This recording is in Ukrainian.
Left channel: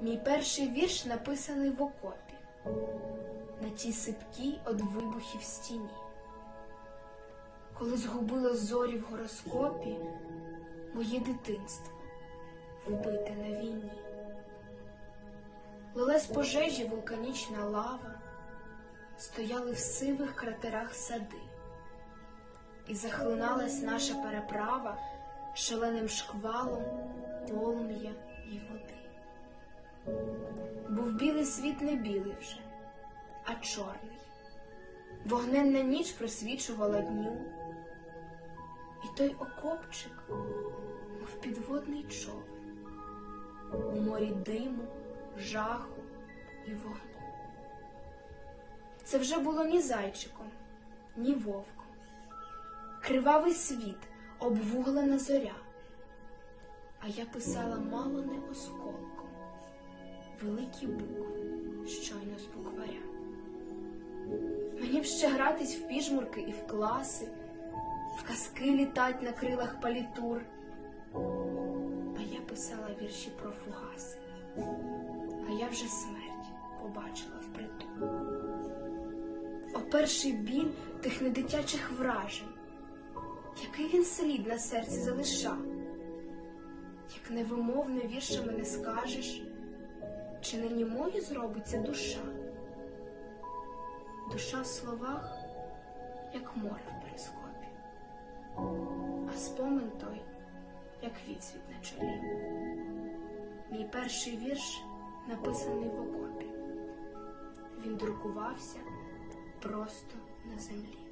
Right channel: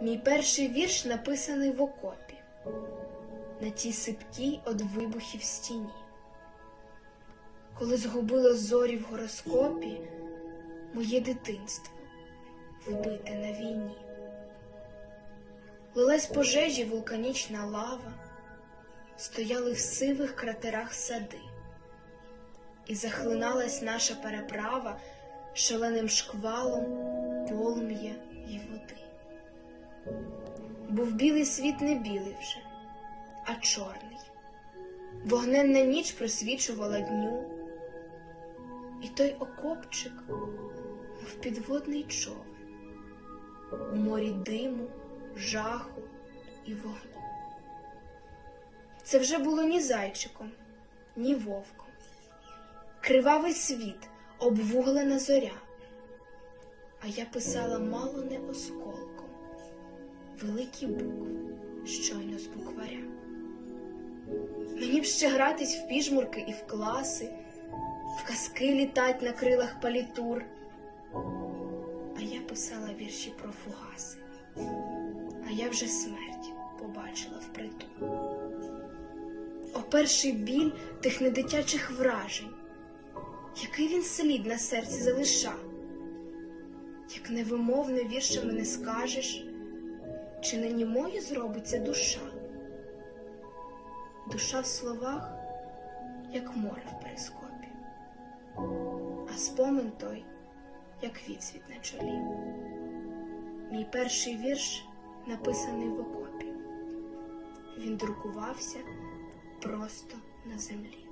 Мій перший вірш написаний в окопі, на тій сипкій од вибухів стіні. Коли згубило зорі в гороскопі, моє дитинство вбите на війні. Лилась пожежі вулканічна лава, стояли в сивих кратерах сади, і захлиналась наша переправа шаленим шквалом полум'я і води. Був білий світ не білий вже, а чорний. Вогненна ніч просвічувала дню, і той окопчик, мов підводний човен, у морі диму, жаху і вогню. Це вже було ні зайчиком, ні вовком. Кривавий світ, обвуглена зоря, а я писала мало не осколком, великі букви щойно з букваря. Мені б ще гратись в піжмурки і в класи, в казки літать на крилах палітур. А я писала вірші про фугаси, а я вже смерть побачила впритул. О перший біль тих недитячих вражень, який він слід на серці залишав, як невимовно віршами не скажеш, чи не німою зробиться душа. Душа в словах, як море в перископі, а спомин той, як відсвіт на чолі. Мій перший вірш написаний в окопі. Він друкувався просто на землі.